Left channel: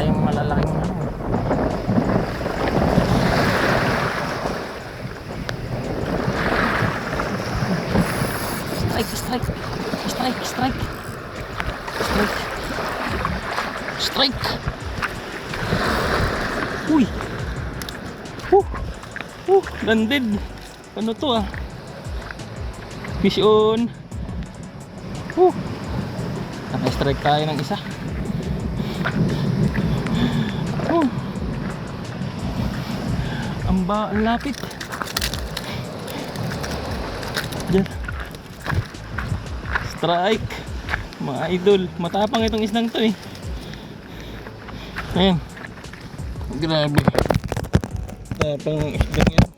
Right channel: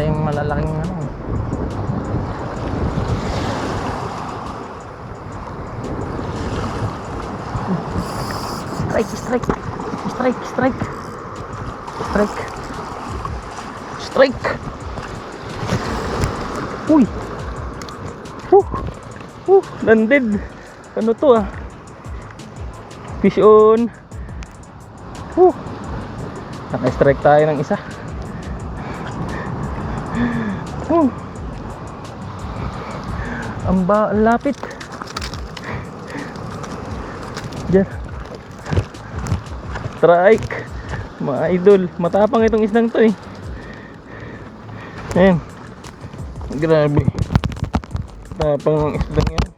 tayong malalaking ano. Strike. Uy. Landed. Ano to ah? Fish on. Naka-strike tayo ng isa. Ang lapit. Diyan. Strike. Mga idol, matapang itong isdang to eh. Ayan. Grabe. Tapang ang isdang yan.